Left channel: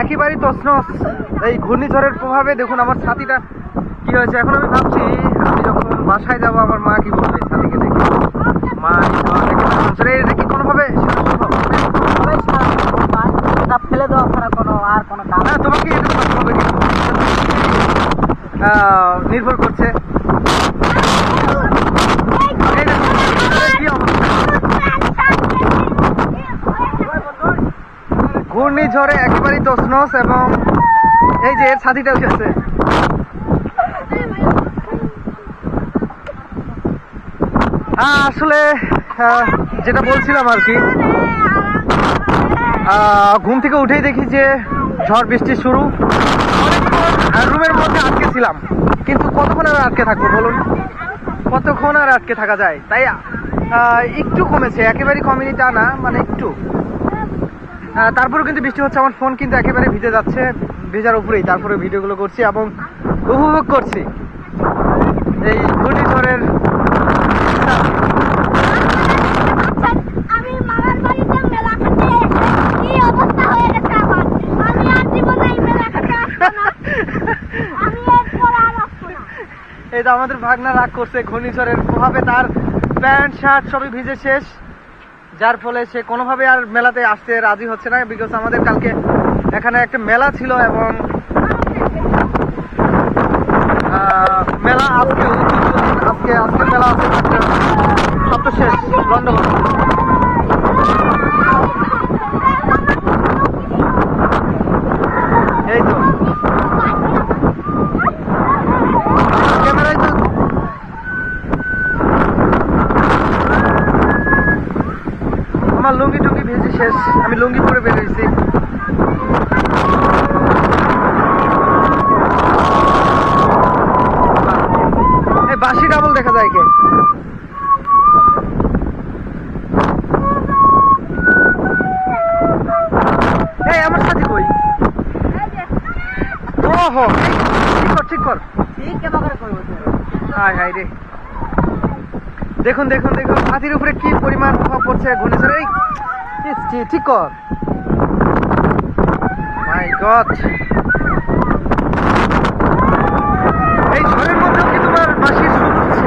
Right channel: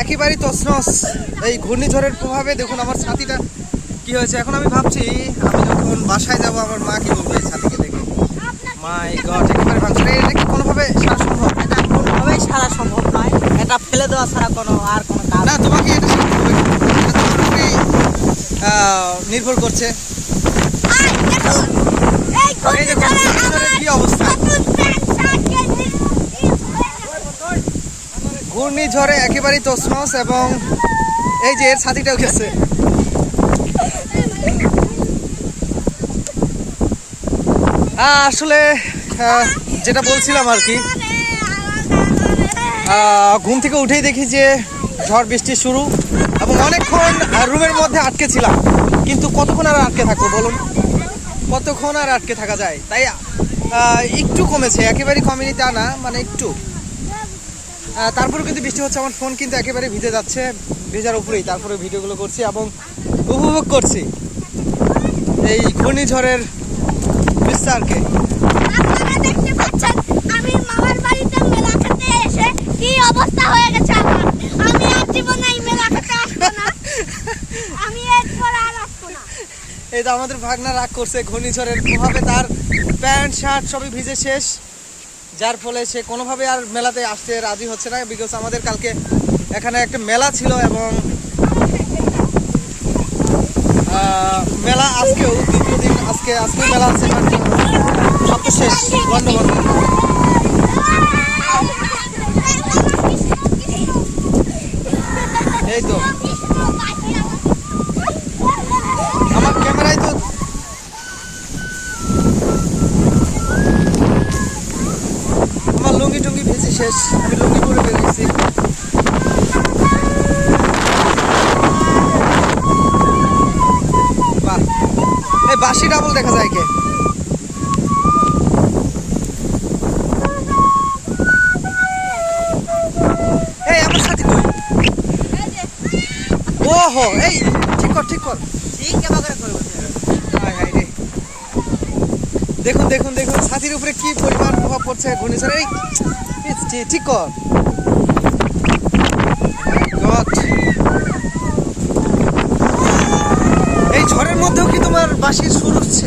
একেবারেই তছনছ। এই ঘূর্ণিঝড়ের প্রভাবে দেখুন আমার ছাতিটা কি হয়েছে। এখন আমি ভাবছি আমি যখন বাসায় যাব আমার মা কি বলবে এই ছাতিকে দেখে? মা এই এটা কি কোনোভাবে সারা সম্ভব? কোনোভাবেই সারা সম্ভব নয়। এটা ফেলে দেওয়া ছাড়া কোনো আর কোনো কাজ না তোমাকে এটা সারতে হবে নির্ভর করছে এই দেখুন, ঘূর্ণিঝড়ের কি অবস্থা ঘূর্ণিঝড়ে একেবারেই তছনছ এবং এই যে এর ছাতিটা উঠেছে। আহ, আসলে যেটা বলছিলাম আর কি ঘুম থেকে উঠেই দেখি যে ঝড় বৃষ্টি শুরু। অনেকক্ষণ রুমের মধ্যে আটকে ছিলাম কিন্তু কতক্ষণ আর আটকে থাকব বলুন? কতক্ষণ আর আটকে থাকা যায়? তাই একটু কমেছে একেবারেই কমেনি তা না মানে একটু। তারপরেও কিন্তু বৃষ্টি হচ্ছে আমার ফোন কিন্তু একেবারে ভিজে যাচ্ছে ভেজার উপরেই তারপরে ভিডিওগুলো করছি এবং উপভোগ করছি। এই ঘূর্ণিঝড়ের বিস্তারকে এই তো আমাদের ভাগনা রাগ করছে ঘূর্ণিঝড়ের প্রভাবে তার প্যান্ট শার্ট সবই ভিজে শেষ। যার ফলে সে কোনোভাবে আর মেলাতে আসতে রাজি হচ্ছে না বিকজ আমাদের কালকে এখানে একটা মেলা ছিল এবং মেলা আজকে দ্বিতীয় দিন আজকে আজকে মেলা আছে সবচেয়ে সব তো শেষ বন্ধ বন্ধ এই তো আমার ক্যামেরায় তো আমার লুঙ্গি টুঙ্গি ভেজে শেষ। আমি লুঙ্গি পরে বেরিয়েছি। বাসি ডাবল দেখা যায় কে এই আমার সাথী কই ওহো এই ঠিক কর ঠিক কর। হাই হাই রে। দেখুন দেখুন দেখুন ছাতির উপরে কি পরিমাণ প্রভাব পড়ছে ঘূর্ণিঝড়। এই, ঠিক- ঠিক কর। মাই গড এই ঝড়ের মধ্যেও কি তোমার বাঁশির সুর উঠছে?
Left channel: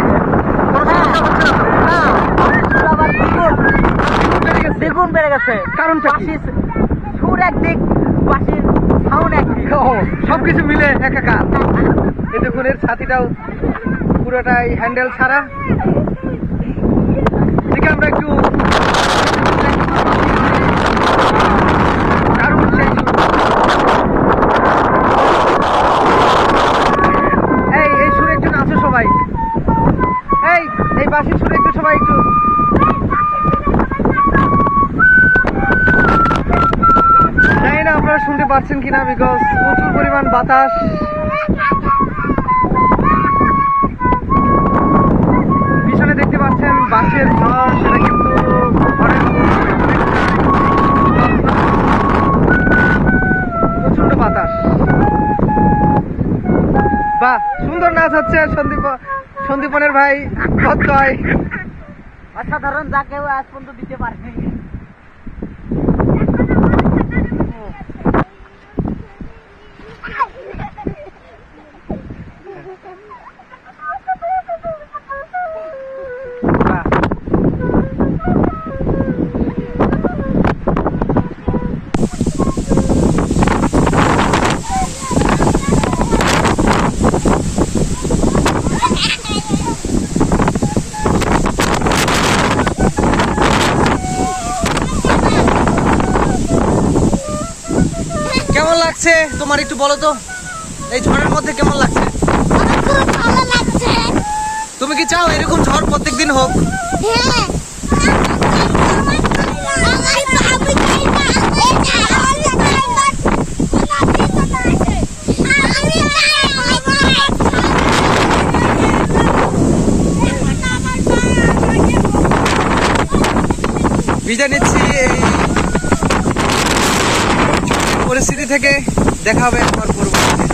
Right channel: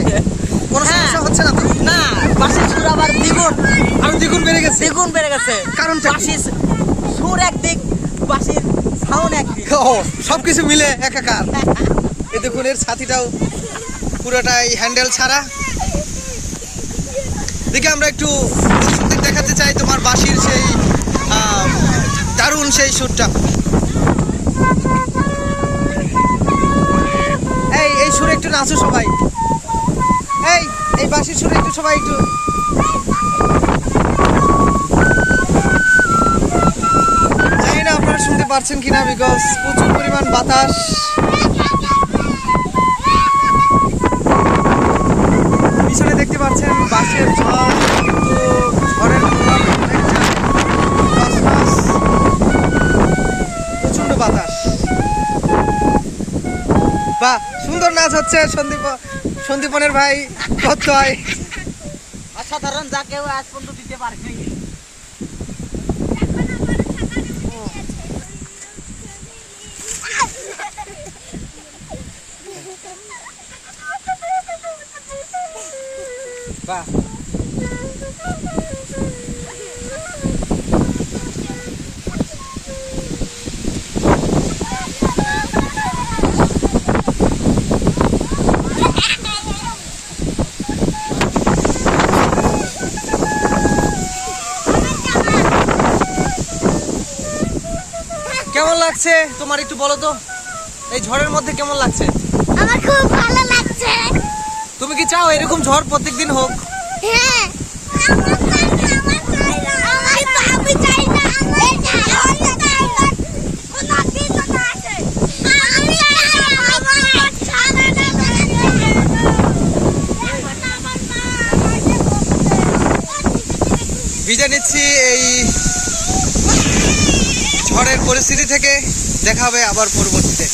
কোনো হ্যাঁ। সমস্যা হচ্ছে না তো? না বাসির সুর আবার দ্বিগুণ। আর দ্বিগুণ বেড়ে গেছে? দ্বিগুণ বেড়ে গেছে। কারণটা কি? বাসির সুর একদিক বাসির সাউন্ড একদিক। ও সব কিছু মিলে একাকার। এই দেখুন এর ছাতিটাও পুরোটাই হ্যান্ডেল ছাড়া। দেখে আমরা একটু দর্শকদের দেখাতে চাই তোমার বাঁশির সেই আহ, দারুণ সেই সুরটা এই এই সুরে একটু নাচো সবাই এই এই বাঁশির সুরে একটু সবাই একটু। জানি না আপনারা শুনতে পারছেন কিনা বিকজ প্রচুর পরিমাণ বাতাস। পিছনে দেখতে পাচ্ছেন বাসের ঝড়, কিন্তু ঝড়ের। প্রচণ্ড বাতাস। বাহ, সুন্দর নাচ হচ্ছে সন্দীপ। সন্দীপনের ভাই প্রত্যয় অসাধারণ যা কেউ আজ পর্যন্ত দিতে পারেনি বাহ কেমন লাগছে? তোমার একটু বলো তো। এই ঝড়ের মধ্যে কেমন লাগছে? আমার খুব ভালো লাগছে। তুমি কি চাও এরকম ঝড় প্রত্যেকদিন হোক? হ্যাঁ। আমার আমি চাই পরিস্থিতি থেকে দেখা হবে আবার পরবর্তীতে।